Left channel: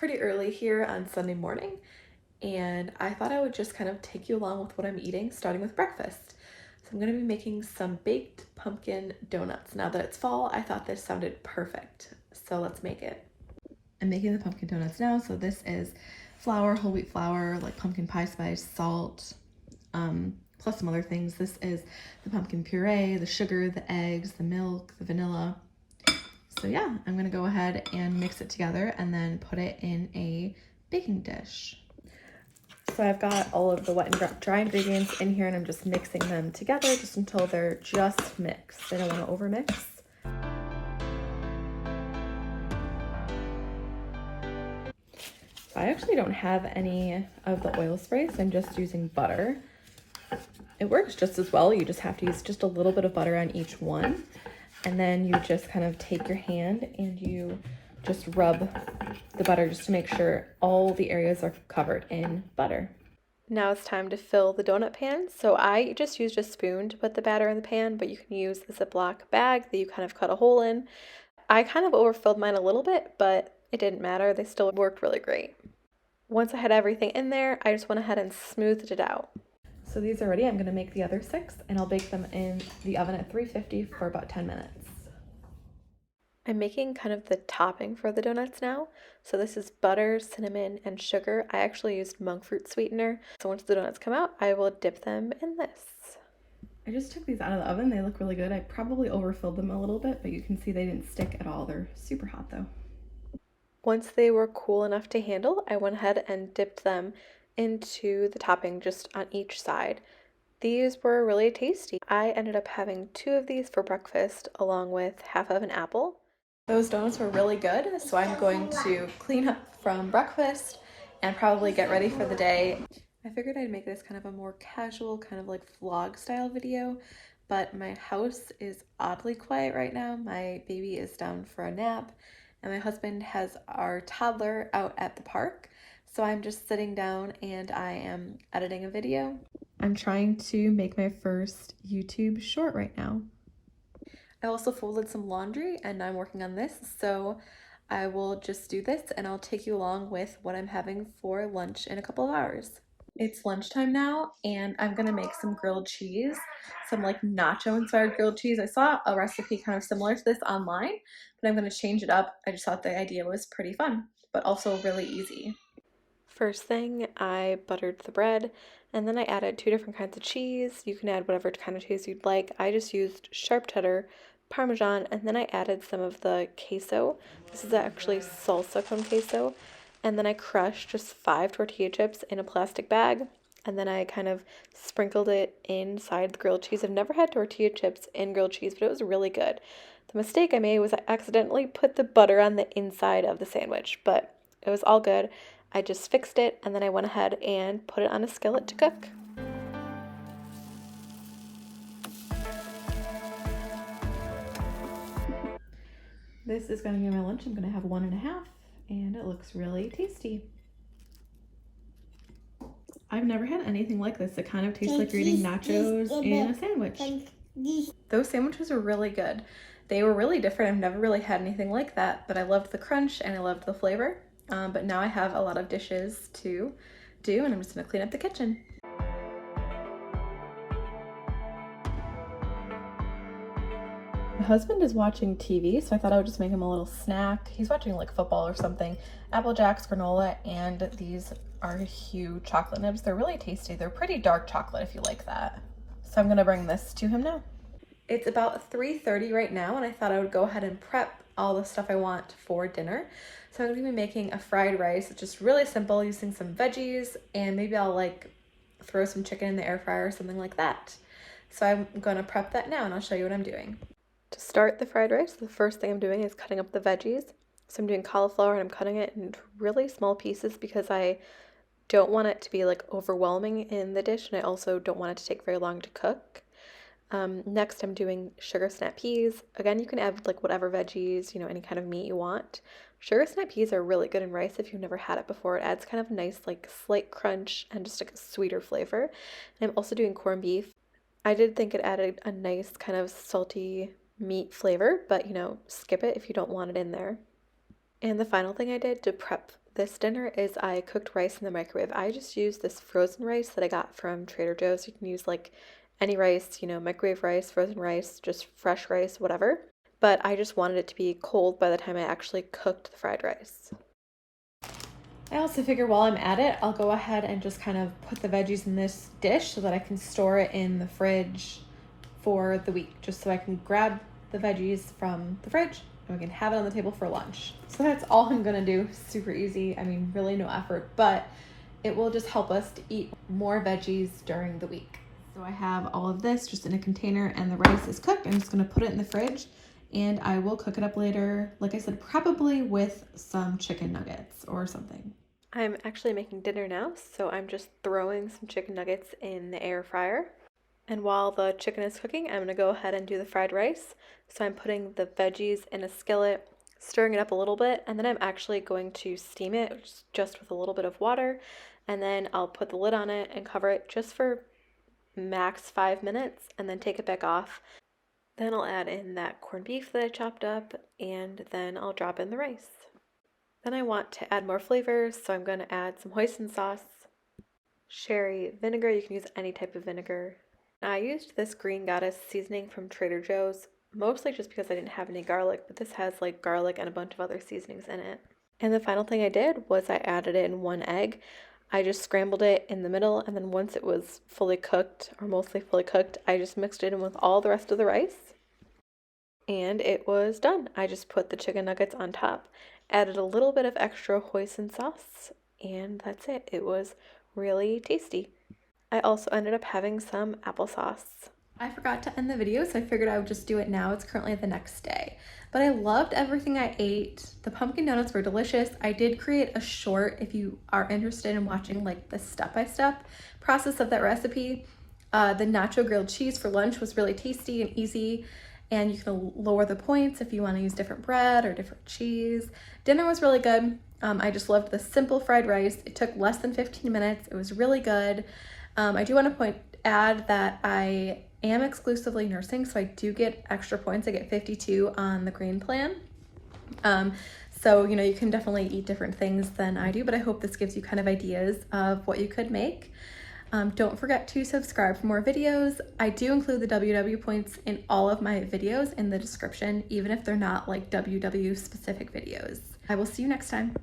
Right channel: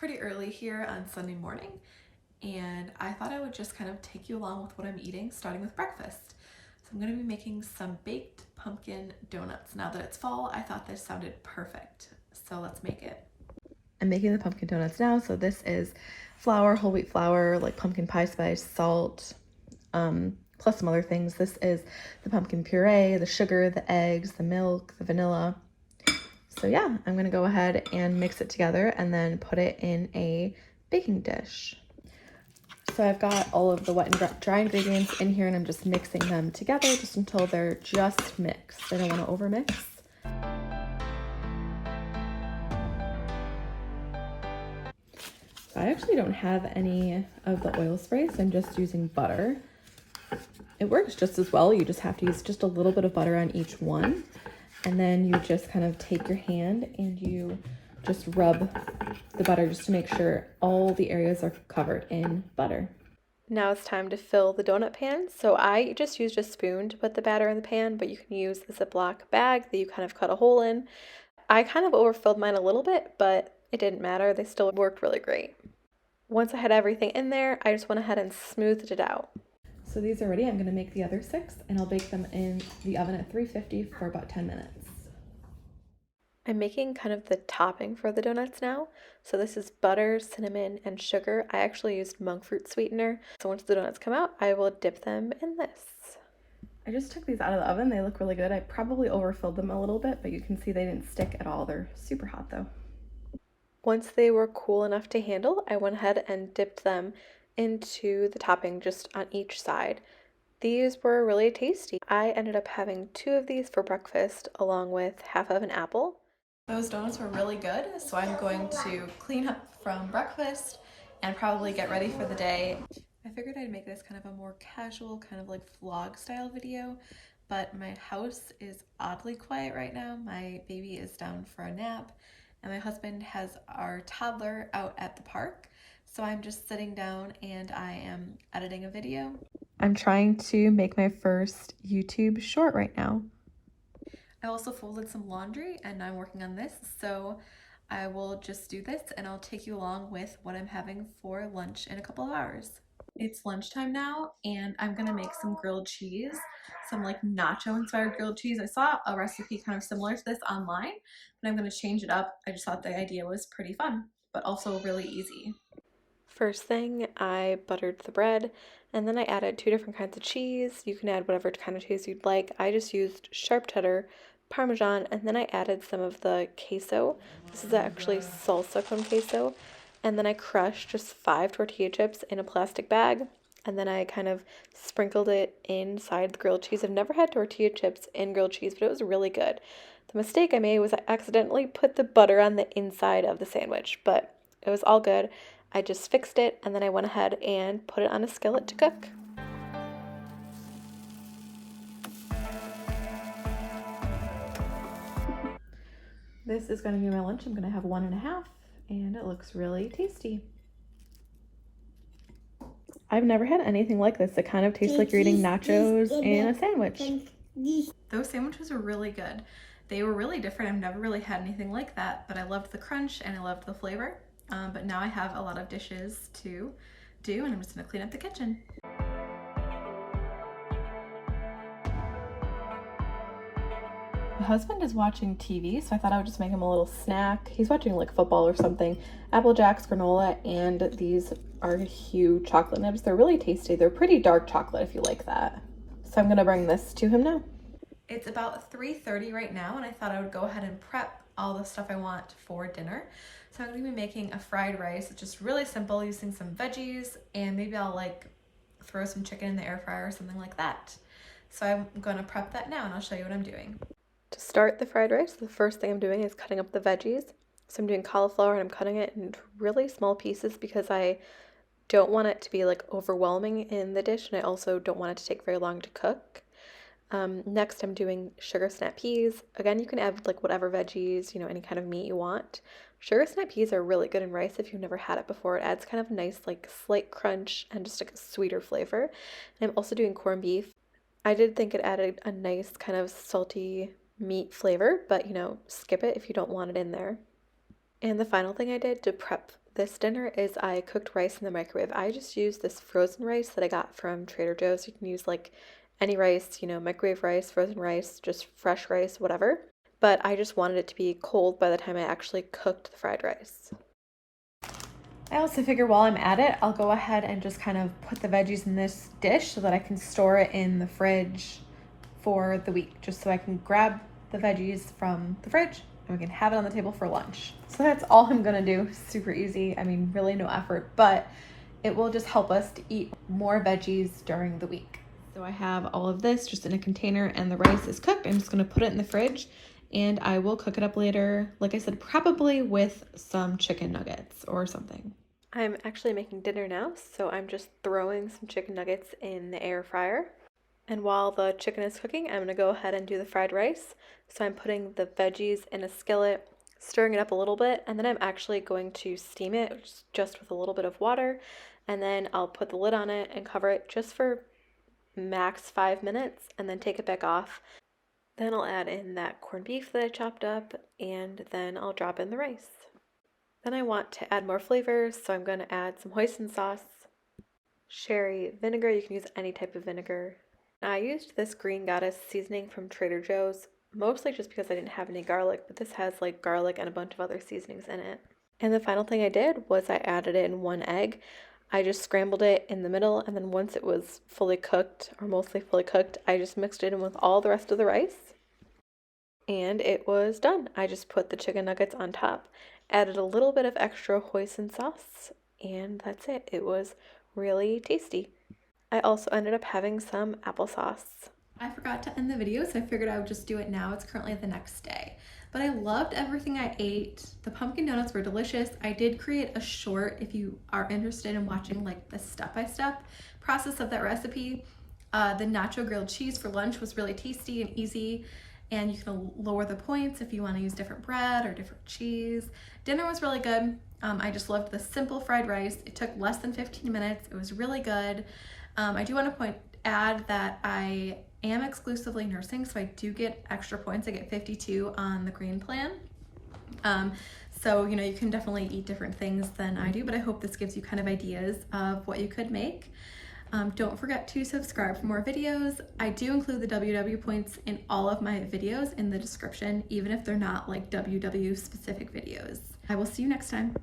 pretty early here on Sunday morning, and I thought I would just kind of take you along with what I'm eating, starting with breakfast. So I'm going to be making some baked pumpkin donuts. Now that it's fall, I thought this sounded perfect, so let's make it. I'm making the pumpkin donuts now, so this is flour, whole wheat flour, like pumpkin pie spice, salt, plus some other things. This is the pumpkin puree, the sugar, the eggs, the milk, the vanilla. So yeah, I'm gonna go ahead and mix it together and then put it in a baking dish. So I've got all of the wet and dry ingredients in here, and I'm just mixing them together just until they're just mixed. I don't want to overmix. I actually don't have any of the oil spray, so I'm just using butter. It works just as well. You just have to use just a little bit of butter on each one. And then you just kind of take your hand and you just rub the butter just to make sure all the areas are covered in butter. Now it's time to fill the donut pan. So I just used a spoon to put the batter in the pan, but you can use the Ziploc bag that you kind of cut a hole in. I kind of overfilled mine a little bit, but it didn't matter. They still worked really great. Once I had everything in there, I just went ahead and smoothed it out. So these are ready. I'm gonna make the other 6 and I'll bake them in the oven at 350 for about 10 minutes. I'm making kind of the topping for the donuts now. So this is butter, cinnamon, and sugar. I actually used monk fruit sweetener. So once the donuts come out, I will dip them in this. I just took these out of the oven. They look really good. I probably overfilled them a little bit, but you can see they didn't stick at all. They're super hot though. Once they were cool enough to handle, I went ahead and dipped them into the topping just on each side. These were really tasty. I ended up having 2 of these for breakfast along with half of an apple. Those donuts were really good, so I'm going to clean up from breakfast and probably get ready for the day. I figured I'd make this kind of a more casual, kind of like vlog style video, but my house is oddly quiet right now. My baby is down for a nap, and my husband has our toddler out at the park. So I'm just sitting down and I am editing a video. I'm trying to make my first YouTube short right now. I also folded some laundry and I'm working on this, so I will just do this and I'll take you along with what I'm having for lunch in a couple of hours. It's lunchtime now and I'm gonna make some grilled cheese, some like nacho inspired grilled cheese. I saw a recipe kind of similar to this online, but I'm gonna change it up. I just thought the idea was pretty fun, but also really easy. First thing, I buttered the bread, and then I added 2 different kinds of cheese. You can add whatever kind of cheese you'd like. I just used sharp cheddar, parmesan, and then I added some of the queso. This is actually salsa con queso. And then I crushed just 5 tortilla chips in a plastic bag, and then I kind of sprinkled it inside the grilled cheese. I've never had tortilla chips in grilled cheese, but it was really good. The mistake I made was I accidentally put the butter on the inside of the sandwich, but it was all good. I just fixed it and then I went ahead and put it on a skillet to cook. This is going to be my lunch. I'm going to have 1.5 and it looks really tasty. I've never had anything like this. It kind of tastes like you're eating nachos in a sandwich. Those sandwiches are really good. They were really different. I've never really had anything like that, but I loved the crunch and I loved the flavor. But now I have a lot of dishes to do and I'm just gonna clean up the kitchen. My husband is watching TV, so I thought I would just make him a little snack. He's watching like football or something. Apple Jacks, granola, and these are huge chocolate nibs. They're really tasty. They're pretty dark chocolate if you like that. So I'm gonna bring this to him now. It's about 3:30 right now and I thought I would go ahead and prep all the stuff I want for dinner. So I'm gonna be making a fried rice. It's just really simple, using some veggies, and maybe I'll like throw some chicken in the air fryer or something like that. So I'm gonna prep that now and I'll show you what I'm doing. To start the fried rice, the first thing I'm doing is cutting up the veggies. So I'm doing cauliflower and I'm cutting it in really small pieces because I don't want it to be like overwhelming in the dish, and I also don't want it to take very long to cook. Next, I'm doing sugar snap peas. Again, you can add like whatever veggies, any kind of meat you want. Sugar snap peas are really good in rice if you've never had it before. It adds kind of nice like slight crunch and just like a sweeter flavor. And I'm also doing corned beef. I did think it added a nice kind of salty meat flavor, but skip it if you don't want it in there. And the final thing I did to prep this dinner is I cooked rice in the microwave. I just used this frozen rice that I got from Trader Joe's. You can use like any rice, you know, microwave rice, frozen rice, just fresh rice, whatever. But I just wanted it to be cold by the time I actually cooked the fried rice. I also figure while I'm at it, I'll go ahead and just kind of put the veggies in this dish so that I can store it in the fridge for the week, just so I can grab the veggies from the fridge and we can have it on the table for lunch. So that's all I'm gonna do. Super easy. I mean, really no effort, but it will just help us to eat more veggies during the week. So I have all of this just in a container and the rice is cooked. I'm just gonna put it in the fridge and I will cook it up later. Like I said, probably with some chicken nuggets or something. I'm actually making dinner now, so I'm just throwing some chicken nuggets in the air fryer. And while the chicken is cooking, I'm gonna go ahead and do the fried rice. So I'm putting the veggies in a skillet, stirring it up a little bit, and then I'm actually going to steam it just with a little bit of water. And then I'll put the lid on it and cover it just for max 5 minutes and then take it back off. Then I'll add in that corned beef that I chopped up and then I'll drop in the rice. Then I want to add more flavors, so I'm going to add some hoisin sauce, sherry vinegar. You can use any type of vinegar. I used this Green Goddess seasoning from Trader Joe's, mostly just because I didn't have any garlic, but this has like garlic and a bunch of other seasonings in it. And the final thing I did was I added in 1 egg. I just scrambled it in the middle, and then once it was fully cooked, or mostly fully cooked, I just mixed it in with all the rest of the rice. And it was done. I just put the chicken nuggets on top, added a little bit of extra hoisin sauce, and that's it. It was really tasty. I also ended up having some applesauce. I forgot to end the video, so I figured I would just do it now. It's currently the next day. But I loved everything I ate. The pumpkin donuts were delicious. I did create a short if you are interested in watching like the step-by-step process of that recipe. The nacho grilled cheese for lunch was really tasty and easy. And you can lower the points if you want to use different bread or different cheese. Dinner was really good. I just loved the simple fried rice. It took less than 15 minutes. It was really good. I do want to add that I am exclusively nursing, so I do get extra points. I get 52 on the green plan. So, you know, you can definitely eat different things than I do, but I hope this gives you kind of ideas of what you could make. Don't forget to subscribe for more videos. I do include the WW points in all of my videos in the description, even if they're not like WW specific videos. I will see you next time.